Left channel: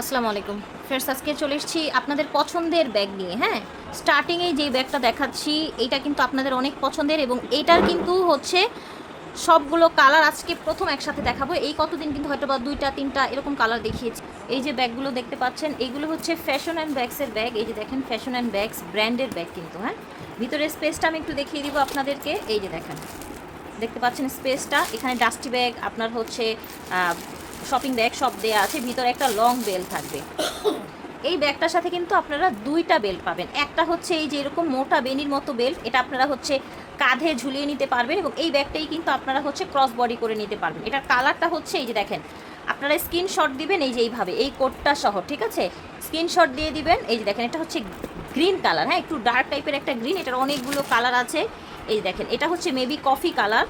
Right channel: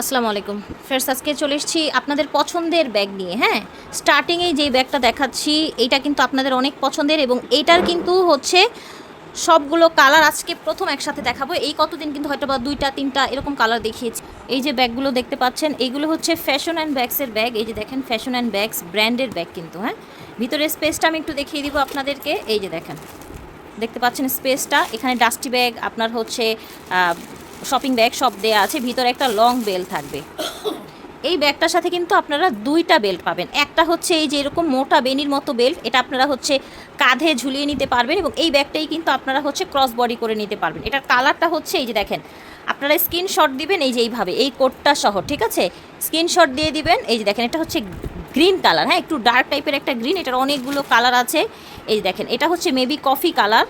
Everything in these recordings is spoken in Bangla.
আসসালামু আলাইকুম ফ্রেন্ডস, আজকে চলে এসেছি আপনাদের পছন্দের ব্যাগ নিয়ে। হ্যাঁ, স্টার্টিংয়েই যেই ব্যাগটা দেখাচ্ছি এইটা কিন্তু আপনাদের অনেক পছন্দের এবং এইটার কিন্তু হচ্ছে সবগুলো কালার আজকে প্রথম একসাথে দেখাবো। এই কতদিন কিন্তু হয়তো বা দুইটা তিনটা এরকম কালার দেখিয়েছি। এই যে ব্যাগগুলো দেখতে পাচ্ছেন এইগুলো হচ্ছে ফ্যাশন অ্যান্ড ব্যাগসের ব্যাগ। এই যে দেখেন ফ্যাশন অ্যান্ড ব্যাগস ব্র্যান্ডের ব্যাগ কিন্তু। হ্যাঁ, ভিতরের স্পেসটা আমি একটু দেখিয়ে দিব আপনাদেরকে। এই যে দেখেন, দেখতে পাচ্ছেন স্পেসটা, এখানে ডাস্টি ব্যাগ আপনার হচ্ছে শপিং ব্যাগ সব দেয়া আছে। ভিতরে একটা লং বেল থাকবে। এই ব্যাগটার সাথে কিন্তু আপনারা দুইটা বেল্ট পাবেন। একটা হচ্ছে এই যে এরকম মোটা বেনির মতো বেল্ট, এটা আপনারা হচ্ছে কাঁধে ঝুলিয়ে নিতে পারবেন এবং এই ব্যাগটাই কিন্তু আপনারা হচ্ছে ক্রস বডি করে নিতে পারবেন। এটার কালারটা হচ্ছে এই যে দেখেন, আপনারা স্ক্রিনশট দিবেন এই যে এইভাবে, এই কোডটা সহ, ঠিক আছে? স্ক্রিনশট দিয়ে দিবেন। এই যে দেখেন, এটা হচ্ছে গ্রিন কালার। হ্যাঁ, একটু ডার্ক টাইপের একটা গ্রিন, এটার অনেকগুলো কালার আছে। এই দেখেন, এটা হচ্ছে মেবি কফি কালার।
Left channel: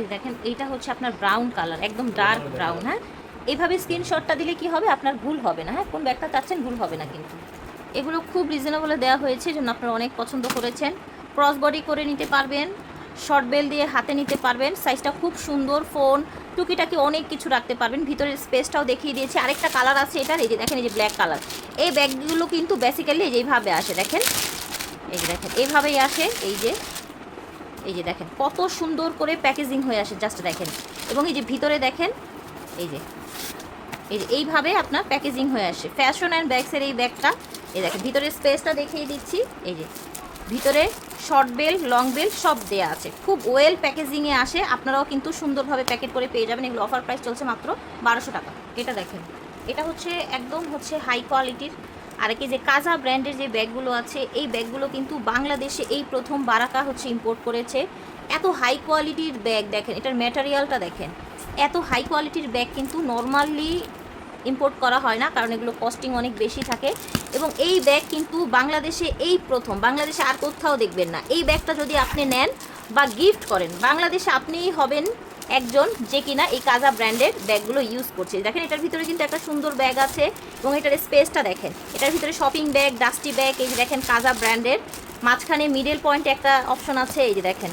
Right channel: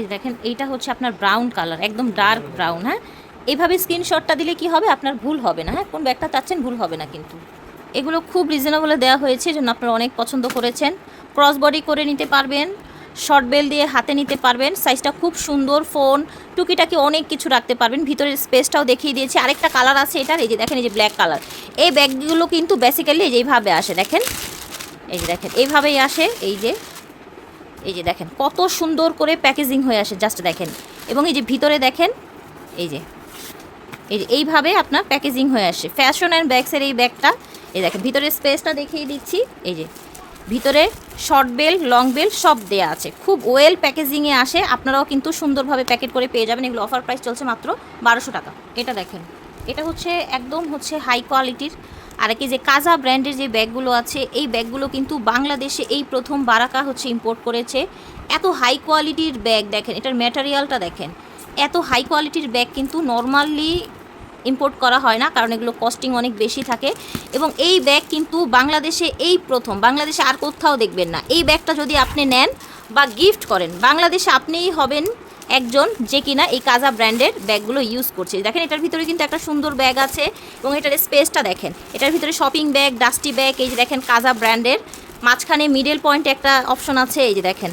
এই দেখেন, এইটা হচ্ছে আপনার ব্রাউন কালার, একদম ডার্ক ব্রাউন। হ্যাঁ, এইভাবে স্ক্রিনশটটা দিলে কি হবে, আপনার ভুল হবে না। হ্যাঁ, কোন ব্যাগটা চাচ্ছেন ভুল হবে না কিন্তু। এগুলো খুব রিজনেবলে দেওয়া হয়েছে, জন্য আপনারা অনেক পছন্দ করেছেন। ক্রস বডি করে নিতে পারবেন, শর্ট বেল দিয়ে হাতে নিতে পারবেন। সাইজটা খুব সুন্দর, ফোন টুকিটাকি অনেক কিছু রাখতে পারবেন। ভিতরের স্পেসটাও দেখিয়ে দিয়েছি। আরেকটা কালার আছে এটার, এই যে দেখেন, এই যে ব্ল্যাক কালার। এই ব্যাগগুলো কিন্তু বেসিক্যালি এইভাবে আসে, দেখেন, এই যে দেখেন এইভাবেই আসে। এই যে দেখেন কত সুন্দর করে প্যাকেজিং হয়ে আসে, জাস্ট দেখেন। এবং এই যে ভিতরে দেখেন, এই যে এইভাবে আপনার প্যাকেজিং হয়ে আসে ফ্যাশন অ্যান্ড ব্যাগসের এই ব্যাগটা। এই দেখেন ভিতরের স্পেসটা দেখিয়ে দিচ্ছি। এই যে ভিতরে শর্ট বেল লং বেল সব দেয়া আছে, খুব ওয়েল প্যাকেজিংয়ে আসে। আপনারাও কিন্তু সুন্দরভাবে প্যাকেট করে পেয়ে যাবেন। এগুলো অফার প্রাইস চলছে মাত্র 1200 টাকা। এটা দেখেন, এটা হচ্ছে একদম হচ্ছে হাই কোয়ালিটির। আর কি যে কাজা ব্র্যান্ডের যে ব্যাগগুলো আছে, এই ব্যাগগুলো কিন্তু বাংলাদেশে এই প্রথম বারাকা হচ্ছে ইম্পোর্ট করেছে। এত হাই কোয়ালিটির ব্যাগ দেখেন, এটার ম্যাটেরিয়ালটা দেখেন। এত হাই কোয়ালিটির ব্যাগ কিন্তু নর্মালি ইম্পোর্ট করা হয় না, কারণ এগুলো কস্টিং অনেক বেশি থাকে। এবং এই ব্যাগ কিন্তু বাংলাদেশে এই প্রথম, বাংলাদেশে আর কোথাও দেখবেন না। এই ব্যাগটা যদি আপনি নেন বা গিফট করেন, বাংলাদেশে আপনিই হবেন একজন যে কিনা এই কাজা ব্র্যান্ডের ব্যাগগুলো ইউজ করছে। দেখেন এটার ভিতরে কিন্তু একটা সুন্দর ব্যাগ আছে এবং এটার স্পেসটা দেখেন। এটার ভিতরে শপিং ব্যাগ, ডাস্টি ব্যাগ, এই যে দেখেন কাজা ব্র্যান্ডের। মাঝখানে মিডল পয়েন্টে একটা অপশন আছে, এই যে দেখেন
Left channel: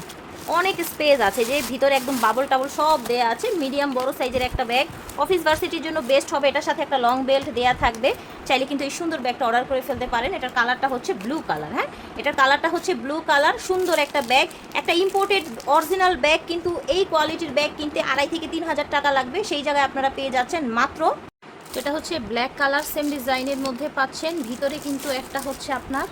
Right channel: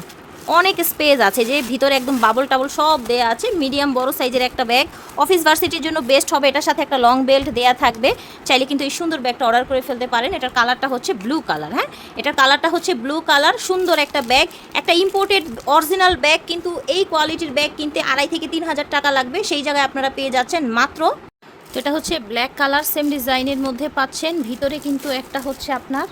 অনেক স্পেস আছে, যে ভিতরে একদম বাবল টাবল সব দেয়া আছে। মিডিয়াম বড় সাইজের একটা ব্যাগ, অফিস ভার্সিটির জন্য বেস্ট হবে। এটার সাথে একটা লং বেল্ট দেয়া থাকবে। চাইলে কিন্তু এই সুন্দর ব্যাগটা অর্ডার করে ফেলতে পারেন। এটার কালারটা হচ্ছে ব্লু কালার। হ্যাঁ, এটার কালারটা হচ্ছে ব্লু কালার। সুন্দর একটা ব্যাগ, একটা ইম্পোর্টেড অরিজিনাল ব্যাগ, কিন্তু এই কোয়ালিটির ব্যাগ কিনতে 2500 থেকে 3000 টাকা লাগবে। সেই জায়গায় আপনারা পেয়ে যাচ্ছেন মাত্র। তো এটা হচ্ছে ব্ল্যাক কালার, সেম ডিজাইনের মধ্যে পাচ্ছেন। ভিতরে কিন্তু একটা হচ্ছে আপনার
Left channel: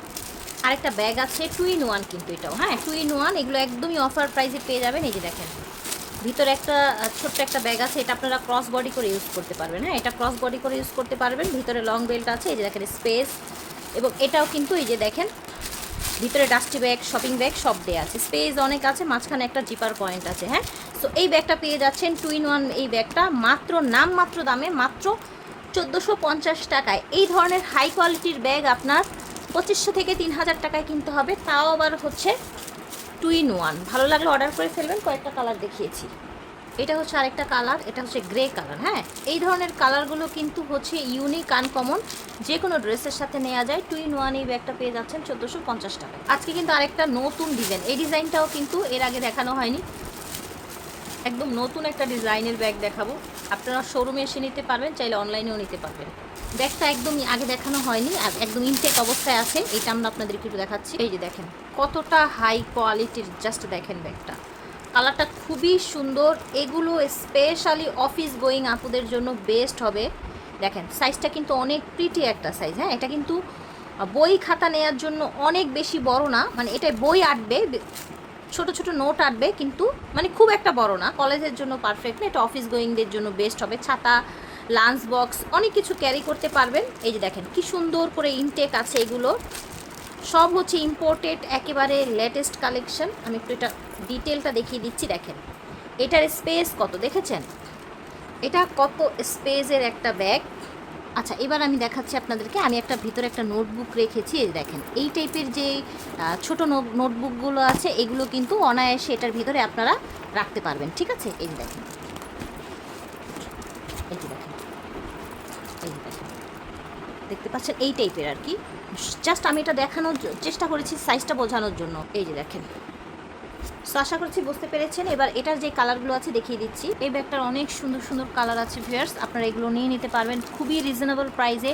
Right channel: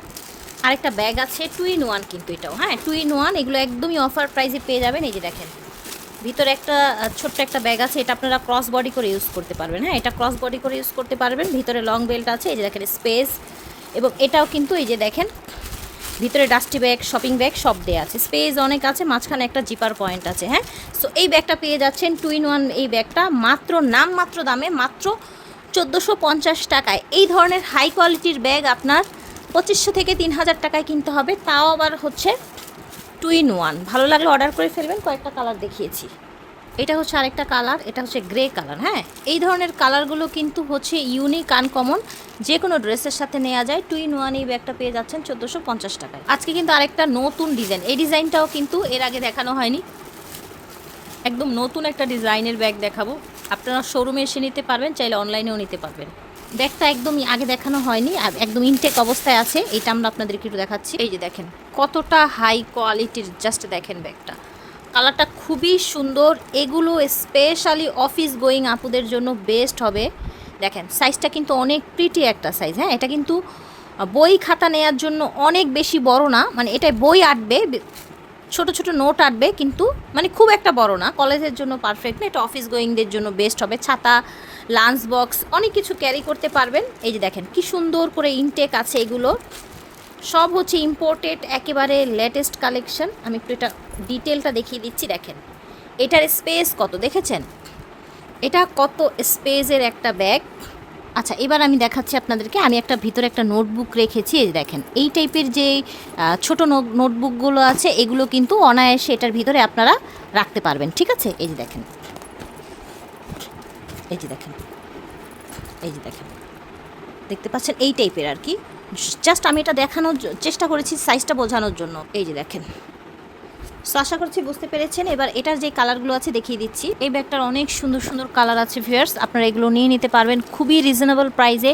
আরেকটা ব্যাগ আছে, 2 in 1 কিন্তু এটাও। হ্যাঁ, 2 in 1, এগুলো একদমই অফার প্রাইসে পেয়ে যাবেন। এই যে দেখেন ভিতরে একটা ছোট্ট একটা ব্যাগ আছে, এটা আপনারা ক্রস বডি করে ইউজ করতে পারবেন। হ্যাঁ, এটা ক্রস বডি করে ইউজ করতে পারবেন। ভিতরে লং বেল্ট আছে, এই যে দেখেন স্পেস। এবং এটাও কিন্তু এই যে দেখেন ভিতরে ডাস্টি ব্যাগ, শপিং ব্যাগ সব দেওয়া আছে, স্পেস অনেক আছে, মাঝখানে একটা জিপার পয়েন্ট আছে। হ্যাঁ, সো এই ব্যাগটা পেয়ে যাচ্ছেন 2 in 1 এই ব্যাগটা মাত্র নামমাত্র দামে, মাত্র 1450 টাকায়। এই ধরনের হাই কোয়ালিটির ব্যাগ আপনার 2500 থেকে 3000 টাকায় কিনতে হবে, তাও আবার হচ্ছে 2 in 1। ভালো লাগলে অর্ডার করে ফেলবেন। কয়েকটা কালার দেখিয়েছি, এটা হচ্ছে আরেকটা কালার, এটা হচ্ছে গ্রে কালার। হ্যাঁ, এই ধরনের কালারগুলো কিন্তু হচ্ছে ইউনিক আনকমন, যে কোনো ড্রেসের সাথে নেওয়া যায়। 2 in 1 এই ব্যাগটা পেয়ে যাচ্ছেন 1450 টাকায়। আজকে কিন্তু আরেকটা নতুন ডিজাইন, এই ডিজাইনটাও কিন্তু এর আগে দেখানো হয়নি, একদম নতুন একটা ডিজাইনের ব্যাগ দেখাবো। আপনারা শোরুমে এসে নিতে পারবেন, চাইলে অনলাইনেও নিতে পারবেন। ব্যাগটা একদমই আগে দেখানো হয়নি, আর একদম ইনটেক অবস্থায় আছে। এটা আমরা আপনাদেরকে একটু দেখাচ্ছি। এই যে দেখেন কতটা হাই কোয়ালিটির, জাস্ট দেখেন ব্যাগটা, কালারটা খুবই সুন্দর। এগুলো স্পেশালি অফিস গোয়িং আপুদের জন্য বেস্ট হবে। দেখেন সাইজটা কিন্তু অনেক প্রিটি একটা সাইজ। হ্যাঁ, এটা কিন্তু বই খাতা নেওয়ার জন্য অনেক বেশি বড় না, মানে এটায় বই আটবে, ছোট ছোট নোট আটবে, কিন্তু মানে খুব একটা বড় না। কলেজের জন্য পারফেক্ট না, এটা অফিস গোয়িংদের জন্য বেস্ট হবে। ছাতা, লাঞ্চ বক্স অনেক কিছু ক্যারি করতে পারবেন। এই যে দেখেন কি সুন্দর করে ইনটেক আছে। এগুলো সব হচ্ছে ইম্পোর্টেড, একেবারে লেটেস্ট কালেকশন। আমি একটু এটা ডিটেলটা দেখিয়ে দিচ্ছি। দেখেন এটার স্পেস কত, দেখেছেন এটা কত স্পেসের একটা ব্যাগ। আচ্ছা, এবার আমি দেখাচ্ছি আপনাদেরকে। আমি একটা ভিতরে একটা নোটবুক রেখেছি। এই দেখেন এই টাইপের যে ছোট নোটবুকগুলো আছে, এগুলো কিন্তু অনায়াসে এটার ভিতরে আপনারা রাখতে পারবেন। ঠিক আছে, এই যে দেখেন, এই যে দেখেন, এই যে দেখেন, দেখতে পাচ্ছেন এই টাইপের আর কি। জাস্ট আমি এটা দেখানোর চেষ্টা করেছি, সাইজটা বোঝানোর জন্য। এই যে দেখেন সো আশা করছি বুঝতে পেরেছেন। এবার এটার যে কালারগুলো আছে দেখিয়ে দিচ্ছি। এই ব্যাগটার অনেক সুন্দর সুন্দর কালার আছে ভিউয়ার্স, আপনারা এগুলো নিয়ে নিতে পারবেন খুবই রিজনেবল প্রাইসে।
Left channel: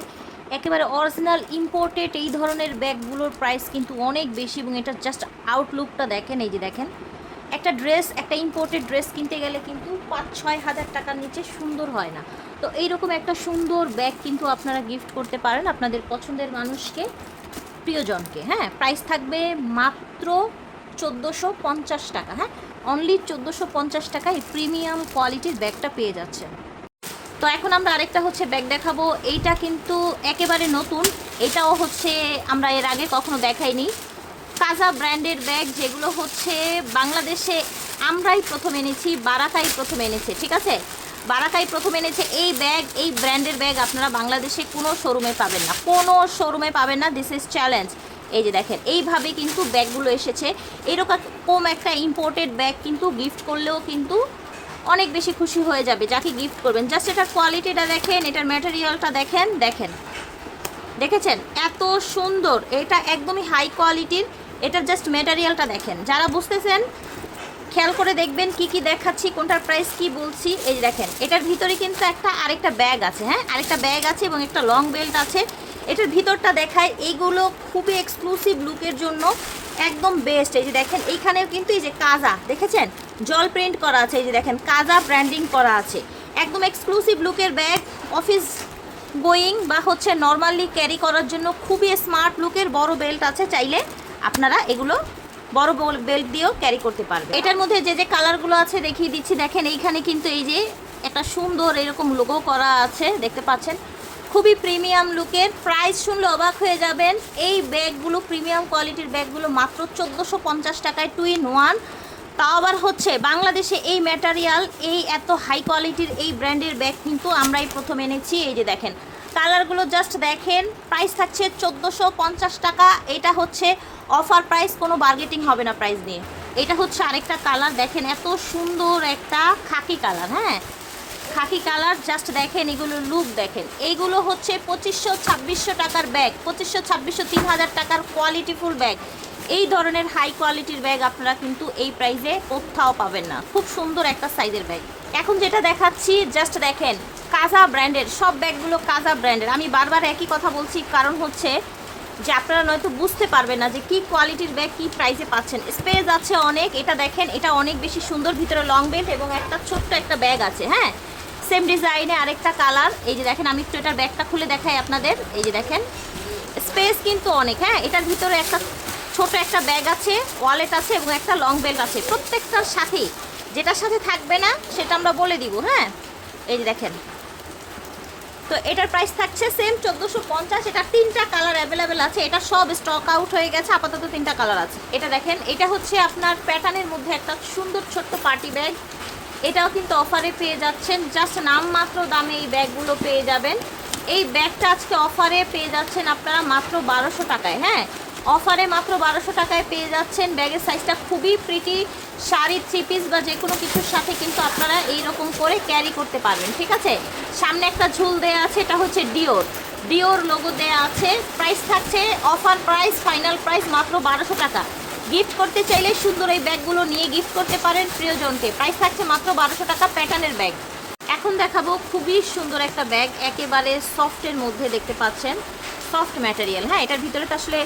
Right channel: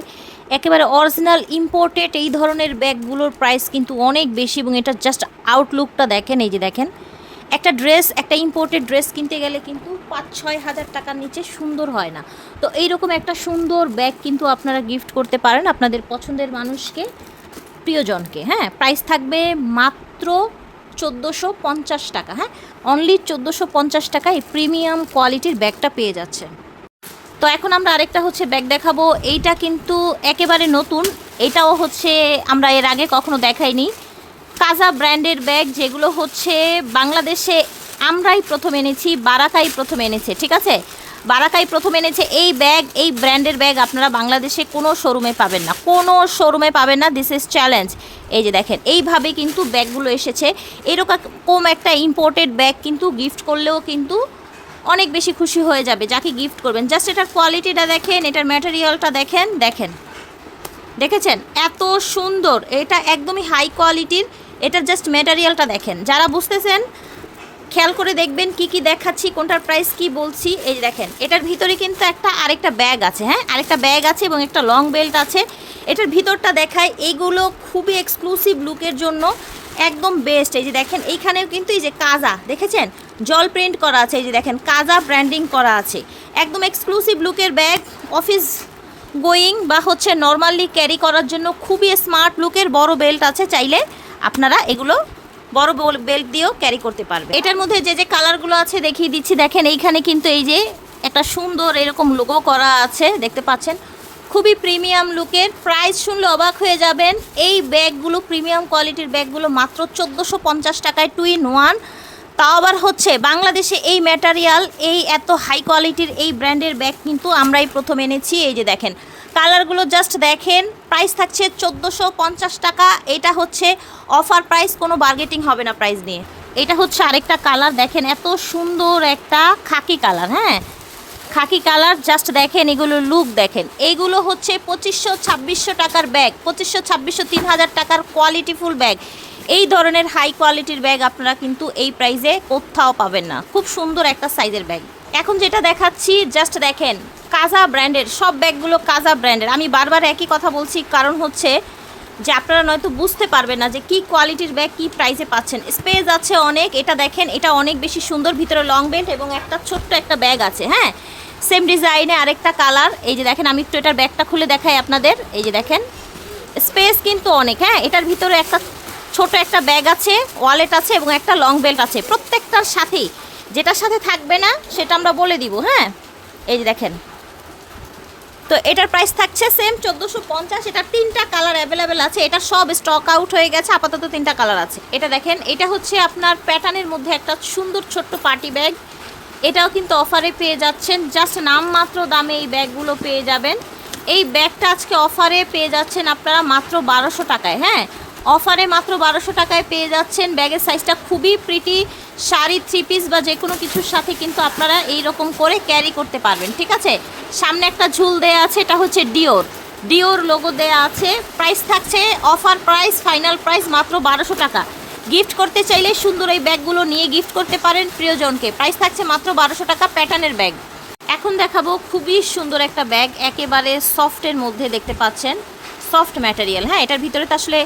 একেবারে অরিজিনাল ইম্পোর্টেড এই ধরনের ব্যাগগুলোর প্রাইস কিন্তু অনেক বেশি, এবং এটার জাস্ট আউটলুকটা দেখেন। এই যে দেখেন, একটা ড্রেস, একটা ইম্পোর্টেড ড্রেস কিনতে গেলে কিন্তু 5-6 হাজার টাকার নিচে সুন্দর হয় না। তো এইরকম একটা সুন্দর ব্যাগ কিন্তু আপনারা গিফট করতে পারেন আপনাদের পছন্দের মানুষকে, প্রিয়জনকে। হ্যাঁ, প্রাইস থাকবে মাত্র 1450 টাকা। হ্যাঁ, অনলি 1450 টাকায় প্রিমিয়াম কোয়ালিটির ব্যাগটা পেয়ে যাচ্ছে। তো এখন আমরা আরেকটা হচ্ছে ব্যাগ দেখাবো। এইটা কিন্তু একেবারে নতুন, এটাও হচ্ছে আমরা এর আগে কখনো দেখাইনি। কাজা ব্র্যান্ডের ব্যাগ, যেগুলো হচ্ছে বাংলাদেশে আমরাই প্রথম এনেছি, বারাকাই প্রথম এনেছে। ঠিক আছে, বারাকাই প্রথম এনেছে এই ব্যাগ, এই ব্র্যান্ডের ব্যাগ আপনারা বাংলাদেশে কোনো শোরুমে পাবেন না, কোনো শোরুমে পাবেন না। This is challenge. এই যে দেখেন, এইভাবে কিন্তু ব্যাগগুলো এসেছে। এরকম একটা ইম্পোর্টেড ব্যাগ কিন্তু গিফট করলেও কিন্তু অনেক বেশি খুশি হয়ে যাবে যাকে গিফট করবেন। জাস্ট এটার কোয়ালিটিটা দেখেন, এটার ম্যাটেরিয়ালটা দেখেন, দেখেন, দেখেছেন এত সুন্দর, এটা একদমই হাই কোয়ালিটির। এটার জাস্ট ম্যাটেরিয়ালটা দেখেন। যারা বুঝতেছেন খেয়াল করে দেখবেন কি কি দেখাচ্ছি, কোনটার প্রাইস কি বলছি। এই যে দেখেন, এটার ভিতরে কিন্তু আরেকটা ব্যাগ আছে। হ্যাঁ, আরেকটা ব্যাগ আছে এবং একটা লং বেল্ট আছে। এটার ভিতরটা দেখায়, এইগুলো খুবই এক্সক্লুসিভ লুকের জন্য একদম বেস্ট। এই যে দেখেন, এইখানেও কিন্তু এই যে কাজা দেখেছেন, জল প্রিন্ট করা আছে। এই যে দেখেন, কাজা ব্র্যান্ডিং করা আছে। একদম এক্সক্লুসিভ লুকের ব্যাগ, অফিস গোয়িং বা হচ্ছে নর্মালি ক্যারি করার জন্য খুবই স্মার্ট লুকের। বড় বেল্ট আছে, চাইলে আপনারা এগুলো বড় বেল্ট দিয়েও ক্যারি করতে পারবেন। এটার মধ্যে যে যে কালারগুলো আছে দেখিয়ে দিচ্ছি। দেখেন, এইখানে কিন্তু এই যে একটা সুন্দর এরকম লোগো করা আছে, দেখতে পাচ্ছেন, খুবই প্রিমিয়াম লুকের। প্রাইস শুনলে অবাক হয়ে যাবেন। এই ব্যাগগুলো, প্রিমিয়াম কোয়ালিটির ব্যাগগুলো মাত্র 1450 টাকায় 2 in 1। তাও আবার হচ্ছে বাংলাদেশে এই ম্যাটেরিয়াল, এই এত হাই কোয়ালিটির এই ব্র্যান্ডের ব্যাগ কিন্তু আমরাই প্রথম এনেছি। এই যে দেখেন, কালারগুলো জাস্ট দেখেন। প্রাইস থাকছে 1450 টাকা। এটা হচ্ছে অফার প্রাইস, কোনো বার্গেটিং হবে না প্রাইস নিয়ে। এটা হচ্ছে আরেকটা কালার, দেখেন এত সুন্দর একটা খাকি কালার। হ্যাঁ, খাকি কালার, জাস্ট দেখেন এগুলো লুক দেখেন। এইগুলো হচ্ছে 2500-2600 টাকার ব্যাগ, 2500-2600, 3000 টাকার কোয়ালিটিফুল ব্যাগ। এই ধরনের হাই কোয়ালিটির ব্যাগ আপনারা কিন্তু এই প্রাইসে কোথাও পাবেন না। খুব সুন্দর একটা সাইজের ব্যাগ। এখন যেটা দেখাচ্ছি জাস্ট দেখেন, কাজা ব্র্যান্ডের সব ব্যাগগুলো, কাজা ব্র্যান্ডের। আমি বারবার একই কথা বলছি, কারণ হচ্ছে যে আপনারা নয়তো বুঝতে পারবেন না যে কি কোয়ালিটির ব্যাগ কি প্রাইসে পাচ্ছেন। স্পেস আছে অনেক। এটা দেখেন, এটা অনেক বেশি সুন্দর, ভিতরে লং বেল্ট এবং একটা ছোট্ট একটা ব্যাগ আছে। হ্যাঁ, সেম ডিজাইনে আরেকটা কালার। এই যে দেখেন, আমি একটু এটার ব্যাগটা খুলে দেখাই আপনাদের। এই যে দেখেন, স্পেস কিন্তু অনেক। হ্যাঁ, এটার ভিতরে একটা ছোট একটা ব্যাগ আছে, ওয়ালেট আছে এবং একটা লং বেল্ট আছে। প্রত্যেকটার সাথেই যেটার সাথে থাকবে না সেটা আমরা বলে দিব। হ্যাঁ, এই যে দেখেন, তো এটার প্রাইস থাকছে সেম 1450। এটা 3টা কালার অ্যাভেলেবেল আছে। এটা সব স্টক আউট হয়ে গেছে, আপাতত 3টা কালার আছে। এটা দেখেন, এটা হচ্ছে আপনার প্যাটার্নের মধ্যে একটা সুন্দর ছোট্ট পার্টি ব্যাগ। এটাও কিন্তু অফারে পেয়ে যাচ্ছেন, জাস্ট নামমাত্র দামে এই ব্যাগগুলো পেয়ে যাবেন। এই ব্যাগটা আজকে অফারে পেয়ে যাচ্ছেন আপনারা মাত্র 1200 টাকায়। হ্যাঁ, অফারে মাত্র 1200 টাকায় পেয়ে যাচ্ছেন। ব্যাগের সাইজটা খুবই প্রিটি, শাড়ি, 3 পিস বা যে কোনো কিছুর সাথে কিন্তু আপনারা এইরকম করে ক্যারি করতে পারবেন। ঠিক আছে, সামনে একটা ঝুল দেয়া আছে, এটা হচ্ছে ডিওর লোগো দেয়া আছে। প্রাইস থাকছে অফার প্রাইস, ফাইনাল প্রাইস মাত্র 1200 টাকা। গিফট করতে চাইলে সুন্দর এই ব্যাগগুলো নিয়ে গিফট করতে পারেন প্রিয়জনকে। প্রাইস থাকছে মাত্র 1200 টাকা, প্যাটার্নের ব্যাগ। এখন দেখাবো খুবই সুন্দর একটা ব্যাগ, একেবারে সফটের মধ্যে, দেখতে পাচ্ছেন সফট ম্যাটেরিয়াল। হ্যাঁ, এটার ভিতরে তো আসলে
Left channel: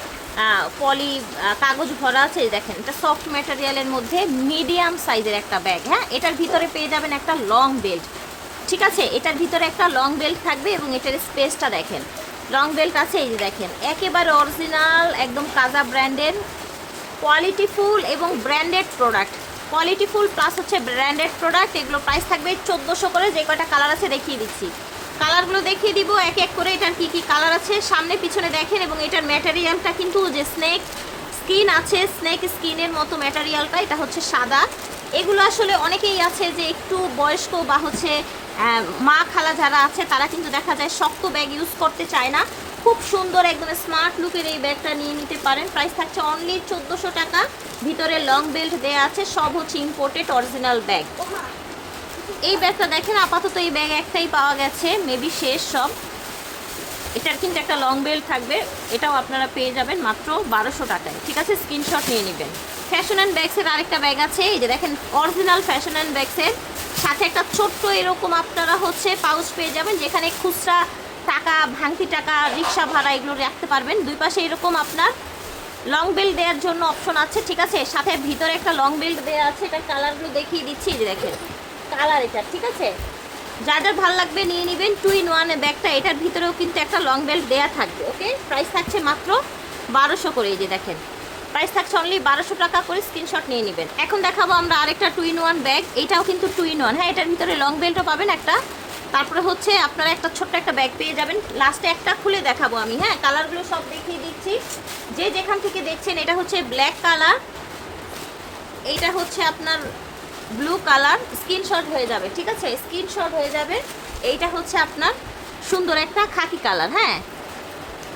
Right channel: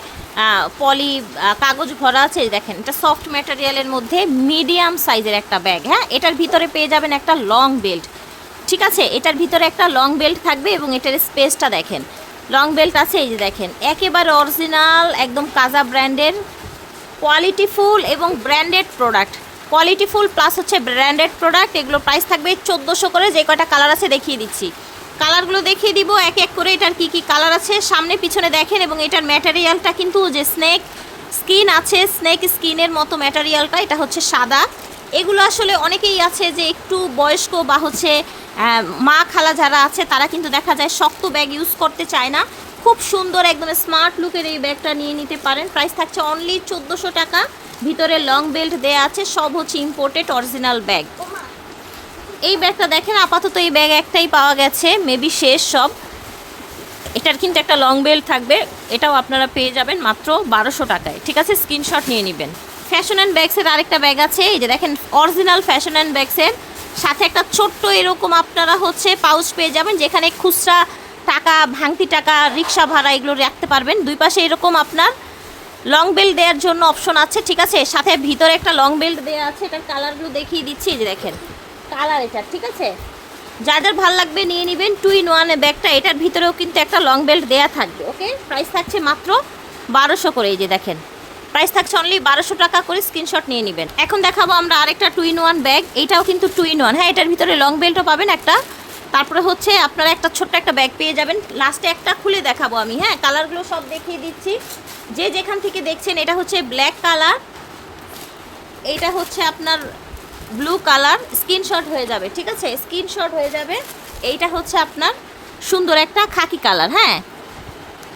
পলি কাগজ ভরা আছে। দেখেন, এটা সফট ম্যাটেরিয়ালের মধ্যে মিডিয়াম সাইজের একটা ব্যাগ। হ্যাঁ, এটার ভিতরে পেয়ে যাবেন একটা লং বেল্ট। ঠিক আছে, এটার ভিতরে একটা লং বেল্ট থাকবে এবং এটার স্পেসটা দেখেন, লং বেল্ট আছে। এই যে দেখেন, একেবারে অরিজিনাল একদম কাজা ব্র্যান্ডের কোয়ালিটিফুল এবং ব্র্যান্ডেড প্রোডাক্ট। কোয়ালিটিফুল প্লাস হচ্ছে ব্র্যান্ডেড প্রোডাক্ট। এগুলো প্রাইস থাকবে 1400 করে। যে কয়টা কালার আছে দেখিয়ে দিচ্ছি, কালারগুলো দেখিয়ে দিব এক এক করে। এটার কি কি কালার আছে সামনে পিছনে দেখেন। এবং এটার ম্যাটেরিয়ালটা কিন্তু যে স্নেক স্কিন আছে, স্নেক স্কিনের মতো ম্যাটেরিয়ালটা। এটা হচ্ছে সাদা। এগুলো আসলে অনেকেই আছে যে একটু বয়স্ক বা হচ্ছে মা খালা যারা আছে, তারা কিন্তু দেখা যায় শক্ত ব্যাগ ইউজ করতে চায় না। খুব সুন্দর একদম স্মার্ট লুকের এই ব্যাগটা নিয়ে নিতে পারেন। প্রাইস থাকছে অনলি 1400 টাকা। ভিতরে লং বেল্ট দেয়া আছে, সব হচ্ছে ইম্পোর্টেড অরিজিনাল ব্যাগ। এই ব্যাগটা দেখেন, আপাতত এই ব্যাগ একটাই পাওয়া গেছে, মেবি শেষ সব। এটার কিন্তু একটা লং বেল্ট থাকবে, এটাও আপনারা পেয়ে যাবেন মাত্র 1200 টাকায়। ঠিক আছে, স্ক্রিনশট নিয়ে নেবেন। ফ্যাশন অ্যান্ড ব্যাগসের আরেকটা ব্যাগ আছে, এই যে দেখেন অরিজিনাল ফ্যাশন অ্যান্ড ব্যাগসের সাথে একটা ছোট্ট এরকম আপনারা হচ্ছে পাউচ পেয়ে যাবেন, যেখানে খুচরা টাকা, ভাঙতি টাকা, রিক্সা ভাড়া এগুলো রাখতে পারবেন। দুই পাশে এরকম আপনার লং বেল্ট দেওয়ার জন্য অপশন আছে, ঠিক আছে। সাথে ভিতরে একটা লং বেল্ট দেওয়া আছে, এটার কালারগুলো দেখিয়ে দিচ্ছি, এই যে দেখেন কালার এটা, ঠিক আছে। যাদের ভালো লাগবে নিয়ে নেবেন। 2 in 1 ব্যাগটা, এটার ভিতরেও কিন্তু একটা লং বেল্ট দেওয়া থাকবে। ওকে, প্রাইস থাকছে মাত্র 1200 করে, এই যে দেখেন প্রাইস থাকছে অনলি 1200 টাকা করে, স্ক্রিনশট নিয়ে নেবেন। এখন দেখাবো আমরা আরেকটা 2 in 1 ব্যাগ, এইটাও কিন্তু 2 in 1। হ্যাঁ, এটার ভিতরে লং বেল্টও পাবেন একটা, তারপরে হচ্ছে আপনারা একটা ছোট্ট একটা ব্যাগ পেয়ে যাবেন। লাস্টে একটা খুলে দেখাবো আমি, হ্যাঁ কালারগুলো সব দেখিয়ে দিচ্ছি। যে যেখান থেকে দেখছেন, এটা হচ্ছে ব্ল্যাক কালার, এইটা হচ্ছে আপনার ব্লু কালার, স্ক্রিনশট হয়ে যাবে, ঠিক আছে, স্ক্রিনশট হয়ে যাবে। এইটা হচ্ছে আপনার সুন্দর একটা খাকি কালার। হ্যাঁ,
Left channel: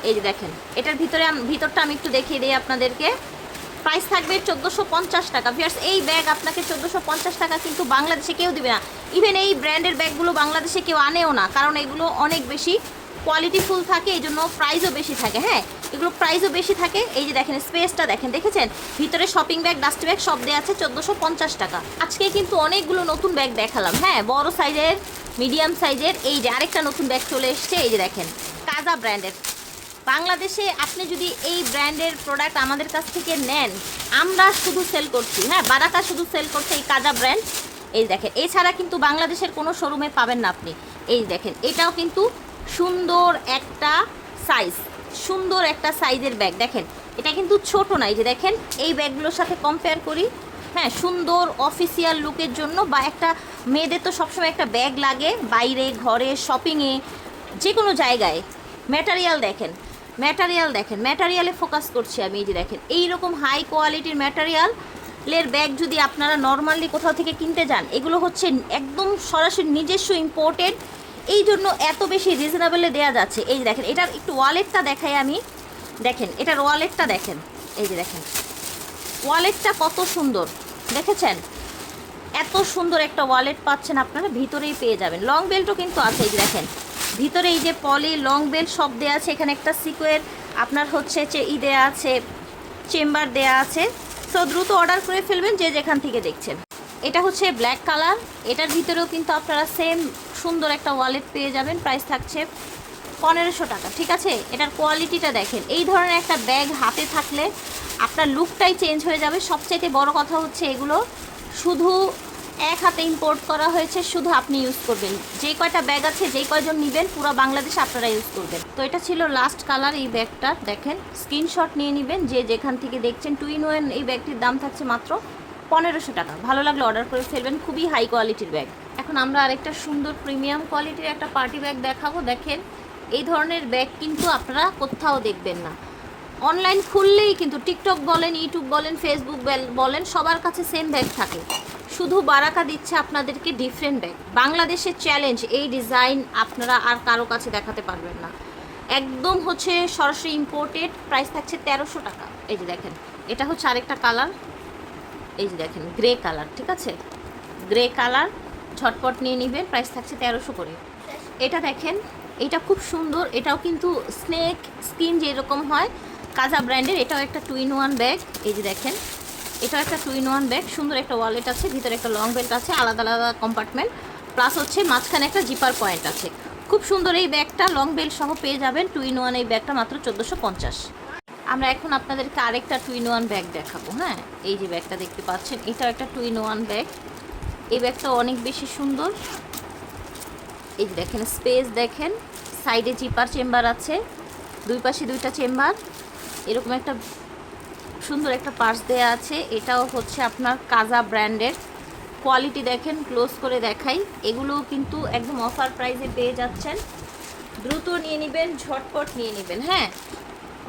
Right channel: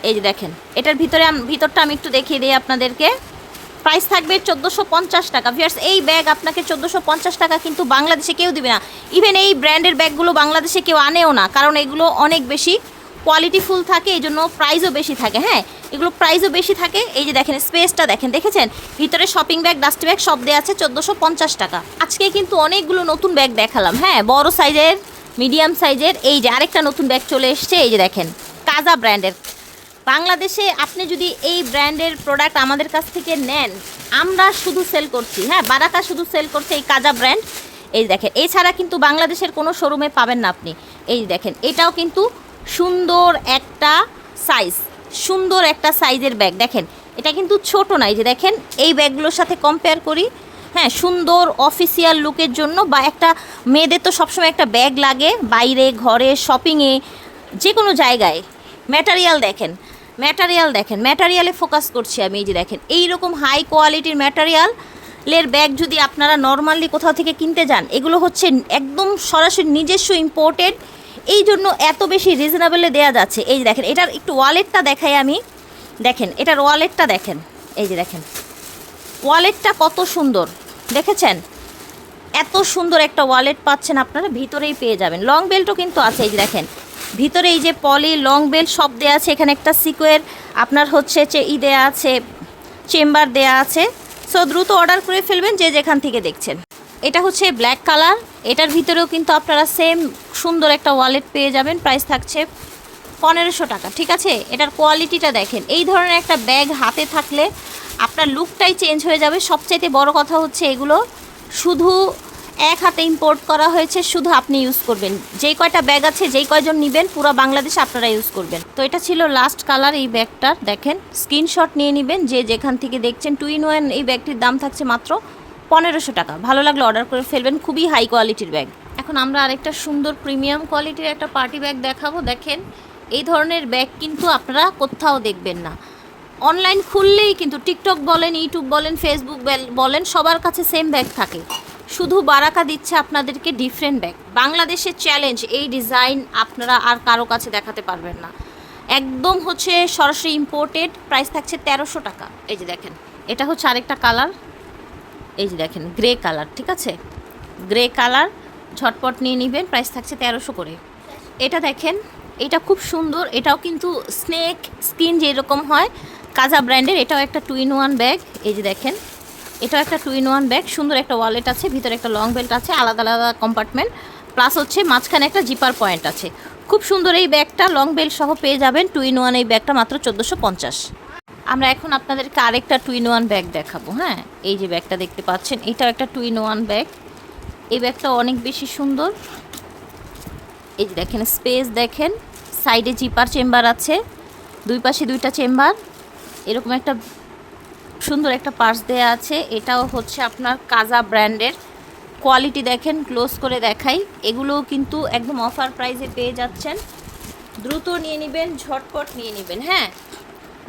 এই যে দেখেন এটার ভিতরটা আমি একটু দেখিয়ে দিই আপনাদেরকে। প্রাইস থাকবে 1450 টাকা। ভিউয়ার্স, এই ব্যাগ আপনাকে 1450 টাকা কিন্তু বাংলাদেশে কেউ দিবে না। ইভেন এই ব্র্যান্ডের ব্যাগগুলো বাংলাদেশে কেউ আনেও না, কারণ এগুলো অনেক বেশি কোয়ালিটিফুল থাকে, এই জন্য প্রাইসও বেশি থাকে। হ্যাঁ, এগুলো প্রাইসও বেশি থাকে। এই যে দেখেন স্পেসটা দেখেন, দেখেছেন ভিতরে শপিং ব্যাগ, ডাস্ট ব্যাগ সব দেওয়া আছে 1450 টাকা। আজকে কিন্তু অনেকগুলো নতুন ব্যাগ দেখালাম, হ্যাঁ বড় সাইজের, মিডিয়াম সাইজের। এই যে আরেকটা নতুন ব্যাগ চলে এসছে, এই যে দেখেন কাজা ব্র্যান্ডের। বাংলাদেশে আপনি যদি এই ব্র্যান্ডের প্রোডাক্ট আমাদের কাছ থেকে নেন, আমরা শুধু সেল করছি, হ্যাঁ বারাকা শুধু সেল করছে এই কাজা ব্র্যান্ড। এই দেখেন, এছাড়া কিন্তু বাংলাদেশের কোনো শোরুমে পাবেন না আপনি। এই দেখেন এটাও কিন্তু সুন্দর একটা সাইজ, সুন্দর একটা সাইজের ব্যাগ। দেখেন এটা কিন্তু ছোট না, এই যে দেখেন এই ব্যাগগুলোর সাথে কম্পেয়ার করি, হ্যাঁ সুন্দর অফিসিয়াল লুকের জন্য, বা একটা মেয়েদের তো সবসময় একটা ব্যাগ লাগে, বাইরে ঘরে শপিংয়ে যে কোনো জায়গায়। ম্যাটেরিয়াল দেখেন, ম্যাটেরিয়াল দেখেন, ম্যাটেরিয়ালে ফোকাস করছি আমি। এই যে দেখেন এইরকম হাই কোয়ালিটির ম্যাটেরিয়ালের ব্যাগ যদি আপনারা নর্মালি কোথাও থেকে কিনতে যান, এগুলো হচ্ছে একদম সরাসরি নিজস্ব ইম্পোর্টেড, এই জন্য এত বেশি রিজনেবলে দেওয়া যাচ্ছে। এই যে দেখেন এটার একটু ওয়ালেটটা দেখাই আমি, দেখেন এটার ওয়ালেটটা দেখেন, এই যে দেখেন ওয়ালেটটা কত সুন্দর, দেখেছেন এত সুন্দর একটা ওয়ালেট পাচ্ছেন আপনারা, ভিতরেই পেয়ে যাবেন। লং বেল্টও কিন্তু আছে, এই যে দেখেন ভিতরে এই যে পলি লং বেল্ট সব দেওয়া আছে। এখানে একটা সিকোয়ের আপনার হচ্ছে দেওয়া আছে, চেম্বার দেওয়া আছে। সো দ্রুত অর্ডার করে ফেলবেন যে যেখান থেকে দেখছেন। এটা হচ্ছে ব্ল্যাক কালার, এটার ভিতরেও কিন্তু আপনারা সেম সুন্দর একটা ওয়ালেট পেয়ে যাবেন। প্রাইস থাকছে 1500 টাকা, ঠিক আছে। এটার কোয়ালিটিটা দেখেন, এই ধরনের একটা ব্যাগ হাতে থাকলে আপনার লুকটাই চেঞ্জ হয়ে যাবে। সবচাইতে বড় কথা হচ্ছে এগুলো শুধু এক হাতে ইম্পোর্ট করা হয়েছে, শুধু আপনি ইউজ করবেন। যেই কয়টা ব্যাগ আছে, যেই কয়জন নেবেন, পুরো বাংলাদেশে আপনারা ইউজ করবেন। তো এটা ছিল লাস্ট কালার এই ব্যাগটার, দেখেন স্ক্রিনশট নিয়ে নেবেন যে যেখান থেকে দেখছেন। 2 in 1 এই ব্যাগটির দাম থাকছে মাত্র 1500 টাকা। ভালো লাগলে অর্ডার করে ফেলবেন, খুবই হাই কোয়ালিটির ব্যাগ। এখন আমরা আরেকটা সুন্দর প্রিমিয়াম কোয়ালিটির একটা পার্টি ব্যাগ দেখাবো। দেখেন এই ধরনের ব্যাগ কিন্তু আপনারা কোথাও দেখবেন না। অনলাইন খুললেই কিন্তু টিকটক বলেন, ইউটিউব বলেন, ফেসবুক বলেন, সবার কাছে সেম ব্যাগ থাকে। শুধু বারাকা দিচ্ছে আপনাদেরকে ডিফারেন্ট ব্যাগ। বাংলাদেশের চ্যালেঞ্জ, এই ডিজাইন আপনারা আর কারো কাছে দেখাতে পারবেন না, একদম হচ্ছে সরাসরি ইম্পোর্টেড। প্রাইস থাকছে 1300 টাকা। এই যে দেখেন এটা হচ্ছে আরেকটা কালার, এই যে দেখেন গ্রে কালার, ঠিক আছে গ্রে কালার, ঝটপট নিয়ে নেবেন। প্রাইস থাকছে 1300 করে। এটা দেখেন এটা খুব সুন্দর, এটাও কিন্তু স্নেক স্কিন যেরকম হয় কাজা ব্র্যান্ডের, এটাও একটা 2 in 1 ব্যাগ। এই যে দেখেন এটাও একটা 2 in 1 ব্যাগ, সুন্দর একটা ওয়ালেট আছে, ভিতরে একটা লং বেল্ট আছে, আলাদা আলাদা কম্পার্টমেন্ট, প্লাস হচ্ছে মাঝখানে একটা জিপার পয়েন্ট আছে। খুব সুন্দর এই ব্যাগটা, লং বেল্ট সহ পেয়ে যাবেন। 2 in 1 এই ব্যাগটা মাত্র 1450। আমরা এখন আপনাদেরকে আরেকটা 2 in 1 ব্যাগ দেখাবো। হ্যাঁ, এই যে ব্যাগটা দেখতে পাচ্ছেন, এটাও একটা 2 in 1 ব্যাগ। এই ব্যাগটা অনেক বেশি সুন্দর। এই যে দেখেন স্পেস দেখেন, সাইডে জিপার চেম্বার আছে, দুই পাশে দুইটা চেম্বার, এরকম একটা সুন্দর একটা পার্স দেয়া আছে। এটাও হচ্ছে আপনার কাজা ব্র্যান্ডের। কোয়ালিটি দেখেন, ক্লোজ করে দেখাই, এগুলোও কিন্তু একদম অফার প্রাইসে পেয়ে যাচ্ছেন। দ্রুত নিয়ে নেবেন, ঝটপট নিয়ে নেবেন। হ্যাঁ,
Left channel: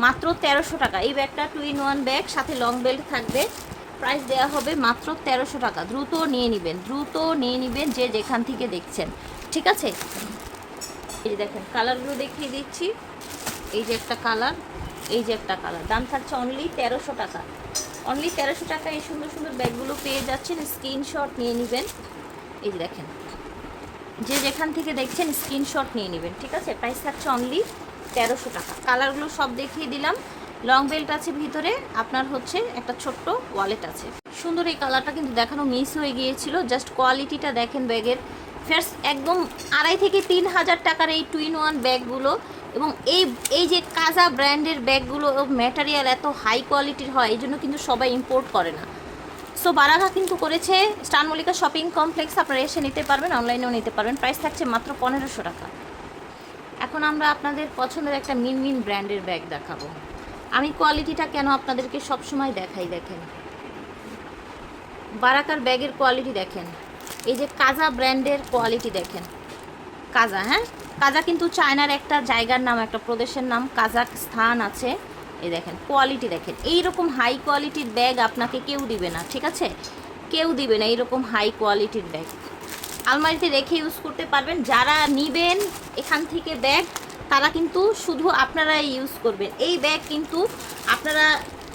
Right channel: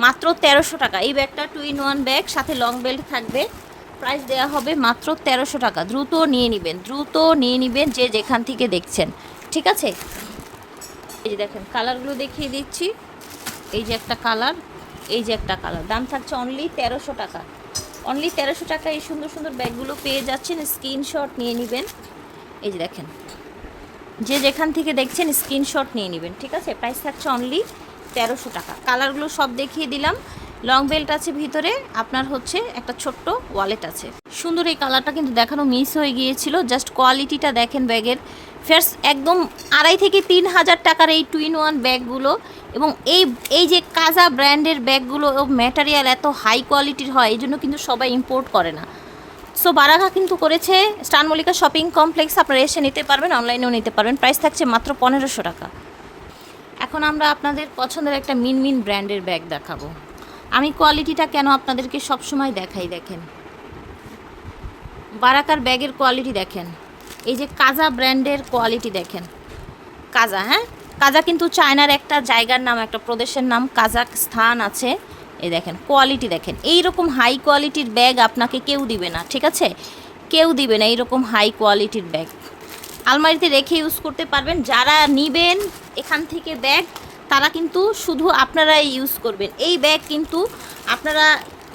মাত্র 1300 টাকা এই ব্যাগটা। 2 in 1 ব্যাগ, সাথে লং বেল্ট থাকবে। প্রাইস দেওয়া হবে মাত্র 1300 টাকা। দ্রুত নিয়ে নেবেন, দ্রুত নিয়ে নেবেন যে যেখান থেকে দেখছেন, ঠিক আছে। এই যে দেখেন কালারগুলো দেখিয়ে দিচ্ছি, এই যে একটা কালার, এই যে একটা কালার। দাম থাকছে অনলি 1300 টাকা। অনলি 1300 টাকা এই সুন্দর সুন্দর ব্যাগগুলো পেয়ে যাচ্ছেন। স্ক্রিনশট নিয়ে নেবেন। এই যে দেখেন যে যেখান থেকে দেখছেন স্ক্রিনশট নিয়ে নেবেন, ঠিক আছে। প্রাইস থাকছে অনলি 1300 টাকা। কালারগুলো সব দেখিয়ে দিলাম। লং বেল্ট আছে ভিতরে, আপনার হচ্ছে একটা ছোট্ট ওয়ালেট আছে। সুন্দর এই কালারটা কিন্তু দেখানো মিস হয়ে গিয়েছিল। জাস্ট কোয়ালিটিটা দেখেন ব্যাগের। ফার্স্ট একদম 2,500 থেকে 3,000 টাকার এই 2-in-1 ব্যাগগুলো, এবং এই যে কাজা ব্র্যান্ডের ব্যাগগুলো ম্যাটেরিয়াল এত হাই কোয়ালিটির হয়, এই জন্য কিন্তু সবাই ইম্পোর্ট করে না। সো বারাকা কিন্তু করেছে স্টার মল্লিকা শপিং কমপ্লেক্স, আপনারা এসে নিতে পারবেন, অনলাইনেও নিতে পারবেন। প্রাইস থাকছে মাত্র 1,500 টাকা। এখন আমরা আপনাদের পছন্দের একটা মিনমিন ব্র্যান্ডের ব্যাগ দেখাবো। আমি কোয়ালিটিটা কেন আপনাদেরকে সবসময় দেখাই, দেখেন বারাকার ব্যাগের কোয়ালিটি দেখেন, এই যে কাজা ব্র্যান্ডের কোয়ালিটি দেখেন। কাজা, হ্যাঁ কাজা কিন্তু চায়নার একটা জায়গার নাম, একটা প্রদেশের নাম কাজাকস্তান আছে। এই দেখেন কোয়ালিটি দেখেন, এইরকম হাই কোয়ালিটির ব্যাগ আপনাকে কেউ দিবে না, ঠিক আছে, কেউ দিবে না এইরকম হাই কোয়ালিটির ব্যাগ। আলমারিতে রেখে ইউজ করতে পারবেন। যারা নিবেন এখান থেকে ব্যাগ, তারা কিন্তু শুধু আপনারাই ইউজ করবেন এই ব্যাগ। কিন্তু আপনারা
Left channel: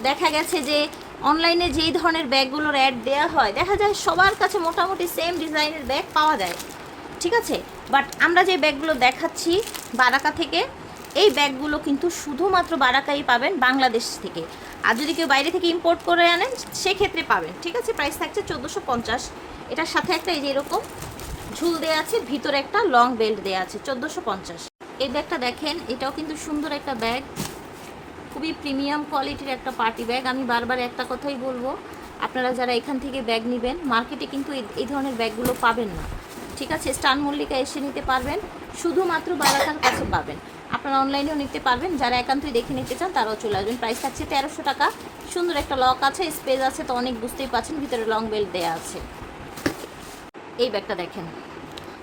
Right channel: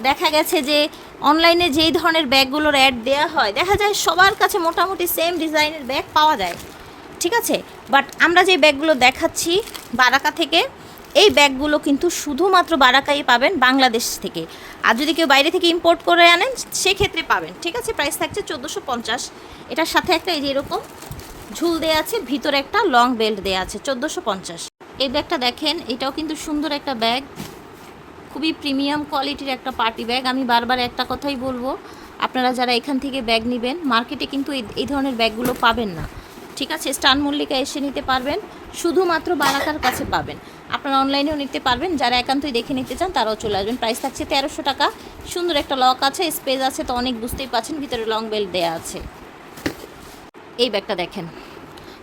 দেখা গেছে যে অনলাইনে যেই ধরনের ব্যাগগুলোর অ্যাড দেওয়া হয়, দেখা যায় সবার কাছে মোটামুটি সেম ডিজাইনের ব্যাগ পাওয়া যায়, ঠিক আছে। বাট আমরা যে ব্যাগগুলো দেখাচ্ছি বারাকা থেকে, এই ব্যাগগুলো কিন্তু শুধুমাত্র বারাকাই পাবেন, বাংলাদেশ থেকে। আর যদি কেউ বাইরে থেকে ইম্পোর্ট করে আনেন সেক্ষেত্রে পাবেন, ঠিক আছে। প্রাইস থাকছে 1450। এটার সাথে একটা এই যে এরকম ঝুল দেওয়া আছে, ভিতরে একটা লং বেল্ট দেওয়া আছে, 1450। এই ব্যাগটা দেখেন, এটাও কিন্তু সুন্দর একটা ব্যাগ, খুবই প্রিমিয়াম কোয়ালিটির একটা পার্টি ব্যাগ। আমি বারবার একটা কথাই বলবো, আপনারা যারা এখান থেকে ব্যাগ নেবেন, মার্কেটে কিন্তু এই ধরনের ব্যাগগুলো পাবেন না, ঠিক আছে। স্টার মল্লিকা এসে নিতে পারবেন, শুধুমাত্র বারাকার কাছে পাবেন। আপনারা অনলাইনেও নিতে পারবেন, যারা একান্তই দেখে নিতে চান তারাও চলে আসবেন। প্রাইস থাকছে 1300 টাকা। সুন্দর একটা লক আছে, স্পেস আছে তো অনেক, বুঝতেই পারছেন, ভিতরে লং বেল্ট দেওয়া আছে। এই ব্যাগটা দেখেন,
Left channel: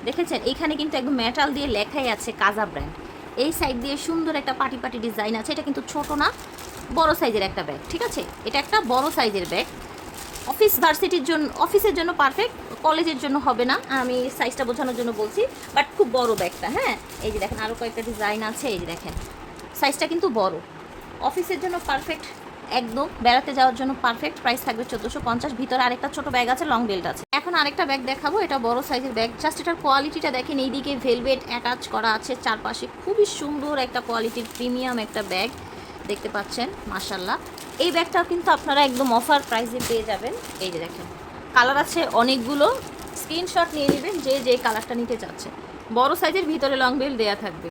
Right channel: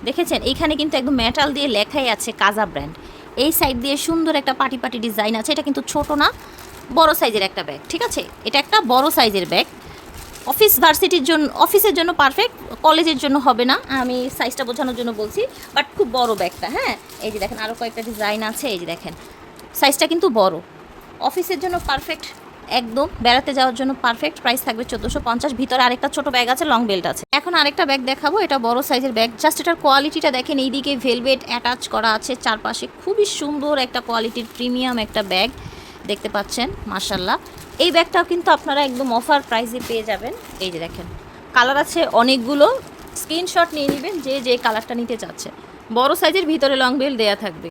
দেখেছেন এইখানে কিন্তু একদম মেটাল দিয়ে লেখাই আছে কাজা ব্র্যান্ড। এই সাইড দিয়ে সুন্দর একটা পাটি ডিজাইন আছে। এটা কিন্তু ছোট না, বড় সাইজের একটা ব্যাগ, ঠিক আছে। এটা একটা বড় সাইজের ব্যাগ, অফিস ভার্সিটির জন্য, অফিসের জন্য পারফেক্ট, কলেজের জন্য হবে না, আমি সাইজটা বোঝানোর জন্য বলছি। বাট খুব বড় ব্যাগটা, হ্যাঁ এই যে দেখেন আরও কয়েকটা ডিজাইন আছে, এই যে দেখেন সাইজটা কিন্তু বড়, অফিসের জন্য পারফেক্ট, একদম বেড়াতে যাওয়ার জন্য পারফেক্ট। প্রাইস থাকবে 1450। ভিতরে আরেকটা ছোট ব্যাগ আছে, লং বেল্ট আছে। এখন আরেকটা ব্যাগ দেখাবো, এটা বড় সাইজের ব্যাগ। জাস্ট এটার কোয়ালিটিটা দেখেন, এইদিকে ভেলভেট অ্যাটাচ করা আছে, চারপাশে খুবই সুন্দর একটা কোয়ালিটির প্রিমিয়াম একটা ব্যাগ দেখতে পাচ্ছেন, মাশাল্লাহ। এই ব্যাগটাও কিন্তু আপনারা একদম অফার প্রাইসে পেয়ে যাবেন। এই যে দেখেন কালার আছে অনেকগুলো, স্ক্রিনশট নিয়ে নেবেন যে যে কালারটা নিতে চাচ্ছে। বড় সাইজের, ভিতরে লং বেল্ট দেওয়া থাকবে।